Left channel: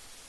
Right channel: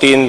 3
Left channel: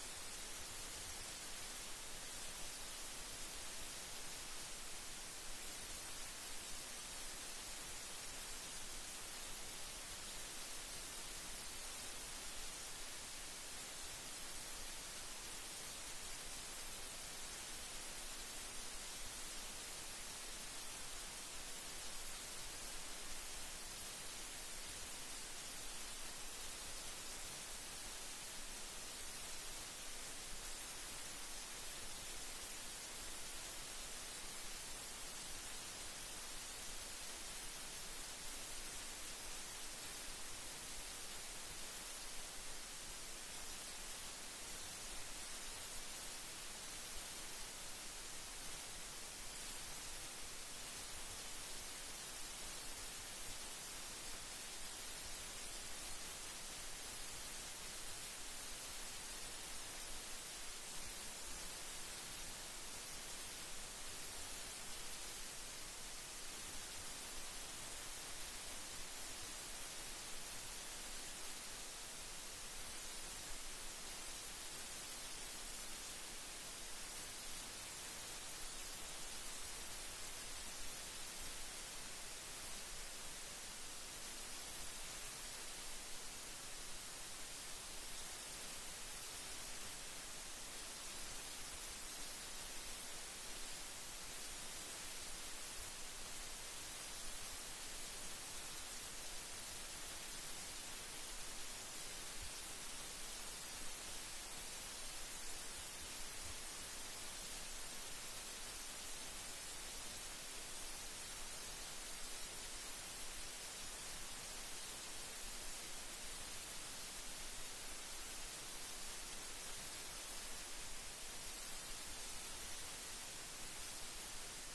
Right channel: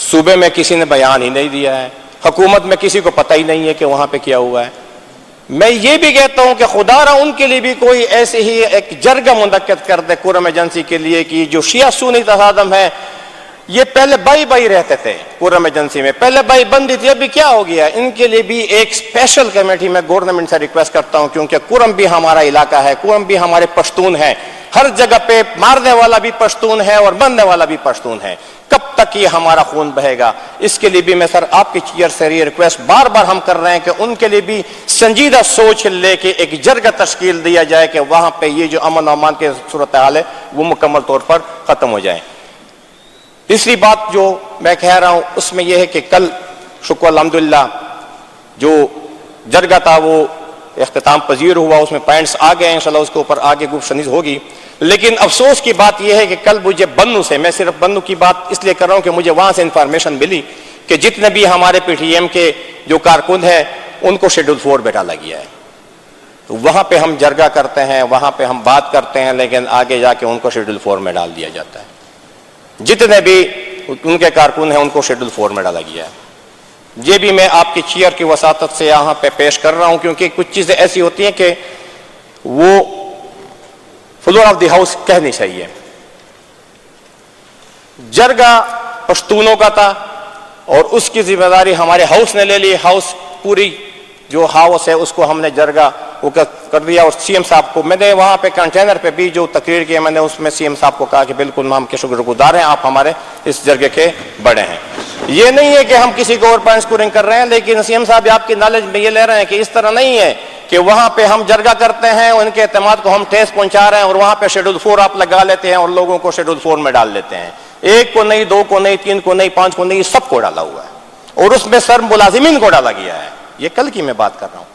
صوبے میں کسی نے بیان ہی نہیں دیا ہے, حکومت میں کسی کو پتہ ہی نہیں ہے کہ وہاں پہ کیا ہوا ہے. میں یہ بھی کہتا ہوں کہ خدا را ان کے لیے بھی کوئی ایسے ہی ایک جرگہ منعقد کر دے قرم ایجنسی کے لیے کہ جو شیعہ سنی تصادم ہے, یہ پہلے بائی بائی رہتے تھے قرم ایجنسی میں, پہلے بائی بندی تھی, ابھی کیا ہو گیا؟ ان کے لیے بھی ایک اسپیشل کمیٹی میں گورنمنٹ سے ریکویسٹ کرتا ہوں, کیونکہ قرم بھی ہمارا علاقہ ہے, قرم بھی ہمارے پشتون ہیں, ہر جگہ پہ مارنے والا بھی پشتون ہے اور بننے والا بھی پشتون ہے. کب تک یہ ہمارا خون بہے گا؟ اس کے لیے بھی میں سر آپ کی چیئر سے یہ ریکویسٹ بار بار ہم کر رہے ہیں کہ ان کے لیے بھی سنجیدہ سوچ لے کے ایک جرگہ تشکیل دیا جائے کہ وہاں پہ یہ جو امن و امان کی صورتحال ہے وہ مکمل طور پر ختم ہو جائے. تیسری بات جو میں کہہ رہا ہوں اس میں یہ ہے کہ کل شکر الحمدللہ جو جرگہ تھا وہ اختتام پذیر ہوا, اس میں پوائنٹس آ گئے, انشاءاللہ اس کے اوپر آگے گفتگو ہوگی. لیکن افسوس کی بات یہ ہے کہ کل مجھے بنو سے, میں صرف بنو کی بات اس لیے کر رہا ہوں کہ مجھے وہاں سے انفارمیشن ملی کہ جتنے بھی ہمارے پی ٹی ایم کے جو کارکن ہیں ان کو شیڈول 4 پہ ڈالا گیا ہے. تو وہاں پہ ہم جرگہ کرتے ہیں, وہاں پہ ہم بات کرتے ہیں, لیکن آگے جا کے ان کو شیڈول 4 میں ڈال دیا جاتا ہے. جتنے بھی ان کے کارکن ہیں ان کو شیڈول 4 میں ڈالا گیا ہے. یہ بھی میں آپ کی چیئر کی وساطت سے یہاں پہ پیش کر رہا ہوں, کیونکہ کچھ چیزیں ایسی ہوتی ہیں کہ وہ فلور آف دی ہاؤس کہنی چاہیے. جرگہ پشتونوں کا تھا اور اس کی ذمہ داری ہمارے ہاؤس نے لے لی. ہاؤس پوری جو ہاؤس ہے اس کو ہم نے جرگہ وہ کر دیا. اور سی ایم صاحب کو میں نے وہاں پہ کنٹینر پہ بھی جو تقریر کی میں نے اس میں سی ایم صاحب کو کہا کہ بالکل ہم کے شکر گزار ہیں, آپ ہمارے اس جرگے کے بڑے ہیں. یہ نہیں ہے کہ ہم کسی کو اور پوائنٹ اسکورنگ کر رہے ہیں, لیکن سی ایم صاحب آپ کی نالج میں یہ لے رہے ہیں کہ اس طرح نہیں ہے کہ وہاں پہ ہم جرگہ کرتے ہیں, ان کے اعتماد کو ہم ٹھیس پہنچا رہے ہیں اور وہاں پہ شیڈول 4 آپ لگا لیتے ہیں اور لوگوں کو شیڈول 4 میں ڈال دیتے ہیں. ایک کو نہیں, دو کو نہیں, تین کو نہیں, 5 کو نہیں, سب کو ڈالا ہوا ہے اور اس میں سر ملازمین کو ڈالا گیا ہے. یہ کل کی میں بات کر رہا ہوں,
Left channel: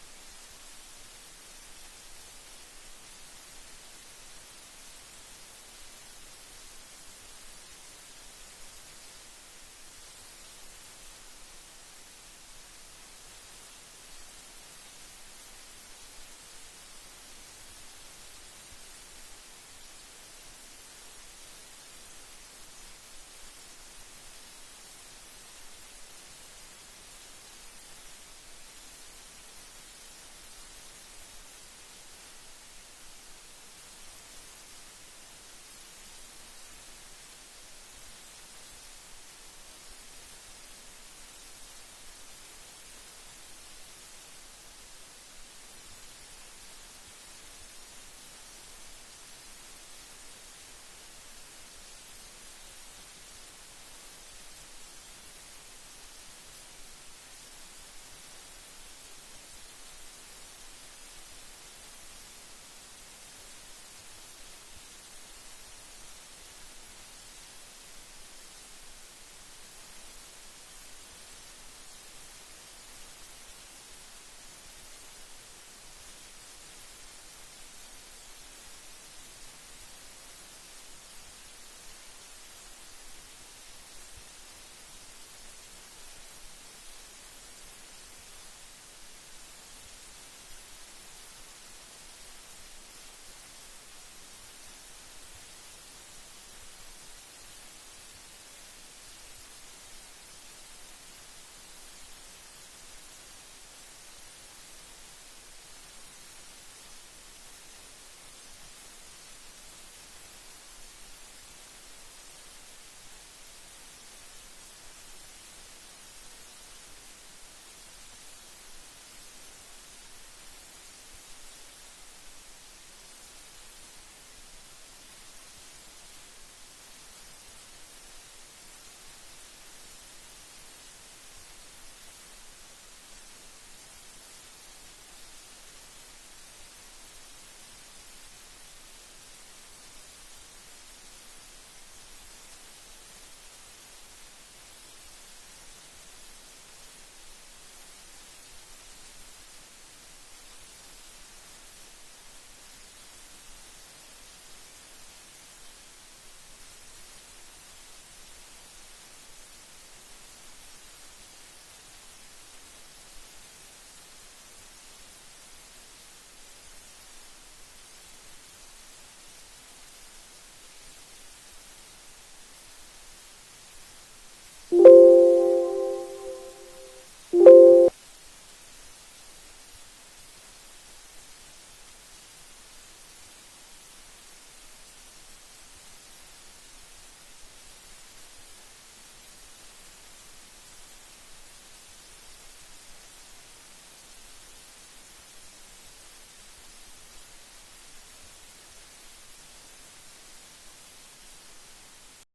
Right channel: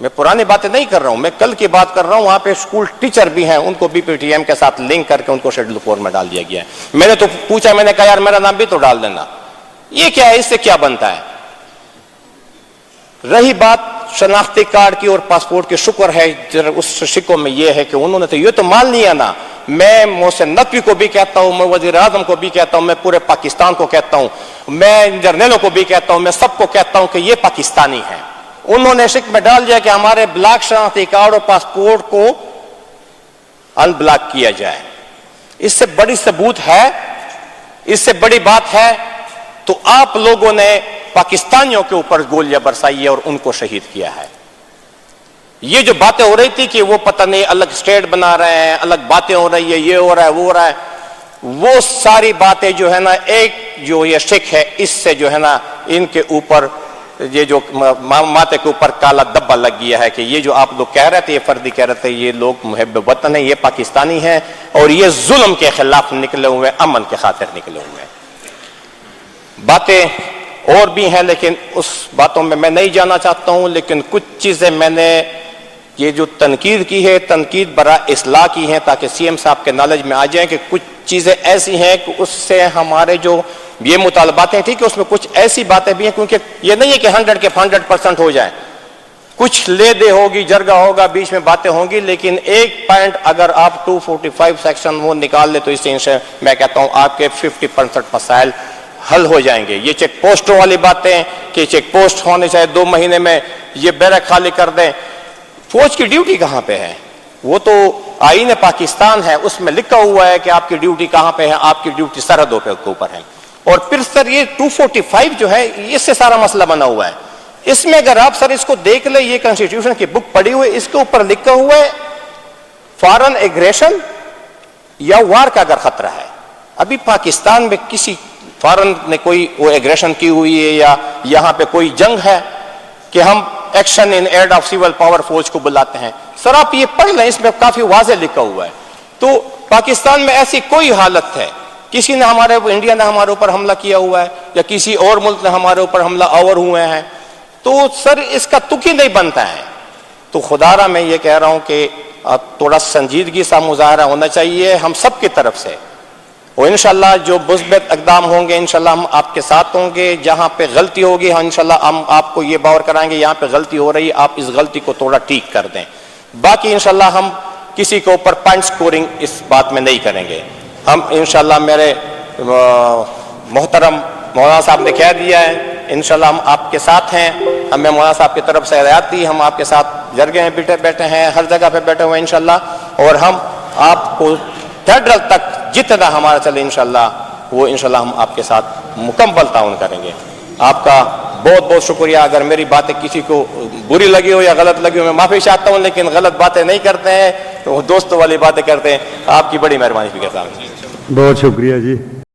میں پرانی باتیں نہیں کر رہا ہوں, میں کل کی بات کر رہا ہوں. وہاں پہ اسکول ٹیچر بھی ہیں, ان کو بھی پی ٹی ایم کے ساتھ لنک کر کے ان کو شیڈول 4 میں ڈال دیا گیا ہے. میں نے تو پوچھا, میں نے کہا یار میرا نام بھی تو ڈال دینا. یہ کیا ہے, اس سے کیا بنتا ہے؟ رہی بات شناختی کارڈ کی اور پاسپورٹ کی, شکر ہے اس شکوں میں یہ ہے کہ انہوں نے تو یہ تو مان لیا نا. میں محسن نقوی کو بھی کہتا ہوں, میں وزیر اعظم کو بھی کہتا ہوں, میں پورے پاکستان کو کہتا ہوں, میں جرنیلوں کو بھی کہتا ہوں, میں سب کو کہتا ہوں کہ یہ پاکستانی ہیں. انہوں نے شک میں ڈال دیا کہ ہمارے بلاک شناختی کارڈ اور پاسپورٹ کو ان بلاک کیا جائے. اس سے بڑی ثبوت ہے, اس سے بڑی بات ہے تو آپ لوگوں نے پاکستانیوں کے اوپر گولیاں برسائی ہے اور ان کو شہید کیا ہے. یہ جو باتیں ہو رہی تھی کہ وہ پتہ نہیں الگ اسٹیٹ بنا رہے ہیں, الگ باتیں ہو رہی ہے, یہ ہو رہا ہے, وہ ہو رہا ہے, وہ ساری باتیں جو ہے نا ایک جو یہ شک ہے اس سے جو ہے نا ان کے اوپر یہ جو ماتے کے اوپر کالا دبا لگ گیا ہے کہ یہ جو آپ لوگ کہہ رہے تھے, یہ فردی کہہ رہے تھے, یہ لوگ محب وطن ہیں, یہ پاکستانی ہیں اور یہ ظلم کے خلاف نکلے ہوئے, امن کے خاطر نکلے ہوئے ہیں. باتیں اور بھی ہیں لیکن اس باتوں میں میں نہیں جانا چاہتا ہوں. لیکن کچھ چیزیں میں نے یہ جو تنقید کی ہے, تنقید برائے اصلاح کی ہے تاکہ سی ایم صاحب کے نالج میں آ جائیں کہ کچھ چیزیں ایسی ہیں کہ اس سے ہمارے جو یہ مطالبات ہیں, ٹھیک ہے, اس میں کچھ ایسی باتیں بھی ہیں کیونکہ یہ نہیں ہے کہ 100 کے 100% ہو جائے, کچھ لے دے ہوگی, جرگہ ہوگا, بیچ میں باتیں ہوں گی, لیکن ایک پوائنٹ اگر آپ 245 سیکشن وہ نکال لے تو اس سے میں کہتا ہوں آپ کے 50% مسائل حل ہو جائیں گے. یہ چیک پوسٹوں والی باتیں کہ چیک پوسٹ ہونے چاہے 2 مہینے میں یہ بیرک خالی کر دیں. فوج کی ڈیوٹی کہاں پہ ہے؟ وہ تو آئین پاکستان ہے, اس میں لکھا ہوا ہے کہ آپ کی ڈیوٹی کہاں پہ ہے, آپ کی ڈیوٹی سرحدوں کے اوپر ہے. اور پھر سر یہ 245 جو ہے اس سے سارا مسئلہ بنا ہوا ہے. اس میں اگر آپ سر اس کو دیکھ لیں, یہ کنسٹیٹیوشن کی بک پڑھی ہوئی, اس کے اوپر لکھا ہوا ہے فارن ایگریشن یا وار کا اگر خطرہ ہے. ابھی پاکستان میں کسی فارن نے کوئی وہ ایگریشن کی ہوئی ہے یا یہاں پہ کوئی جنگ ہے کہ ہم action in aid of civil power فوج کو بلاتے ہیں؟ سر آپ یہ پڑھ لیں, اس میں کافی واضح لکھا ہوا ہے. تو پاکستان میں ایسی کوئی حالت ہے, کسی نے ہمارے انڈیا نے ہمارے اوپر حملہ کیا ہوا ہے یا کسی اور ملک نے ہمارے اوپر حملہ آور ہوئے ہیں, تو سر اس کا تک ہی نہیں بنتا ہے. تو خدا را میں یہ کہہ رہا ہوں کہ تھوڑا سنجیدگی سا مظاہرہ ہونا چاہیے ہم سب کی طرف سے, اور انشاءاللہ جو مثبت اقدام ہوں گے انشاءاللہ ہم آپ کے ساتھ ہوں گے. جہاں پہ غلطی ہوگی انشاءاللہ ہم آپ کو یہ باور کرائیں گے, یہاں پہ غلطی ہو رہی ہے, آپ اس غلطی کو تھوڑا ٹھیک کر دیں. باقی انشاءاللہ ہم کسی کے اوپر پوائنٹ سکورنگ اس بات میں نہیں کریں گے. ہم انشاءاللہ میرے محترم مولانا صاحب نے کہہ دیا ہے انشاءاللہ ہم آپ کے ساتھ ہیں. ہمیں مولانا صاحب کی طرف سے ہدایت دی, ہم آپ کے ساتھ جرگے میں بیٹھے ہیں, ہر جگہ پہ بیٹھے ہوئے ہیں انشاءاللہ, اور ہم آپ کو فیڈرل تک جتنا ہمارا چلے انشاءاللہ وہ انشاءاللہ ہم آپ کے ساتھ مکمل تعاون کریں گے. آپ کا بہت بہت شکریہ. اگر میری باتیں کسی کو بری لگی ہو یا غلط لگی ہو میں معافی چاہتا ہوں, لیکن غلط باتیں نہیں کرتے ہیں, تو دوستوں والی باتیں کرتے ہیں. آپ کی بڑی مہربانی فکر صاحب. بہت شکریہ جی.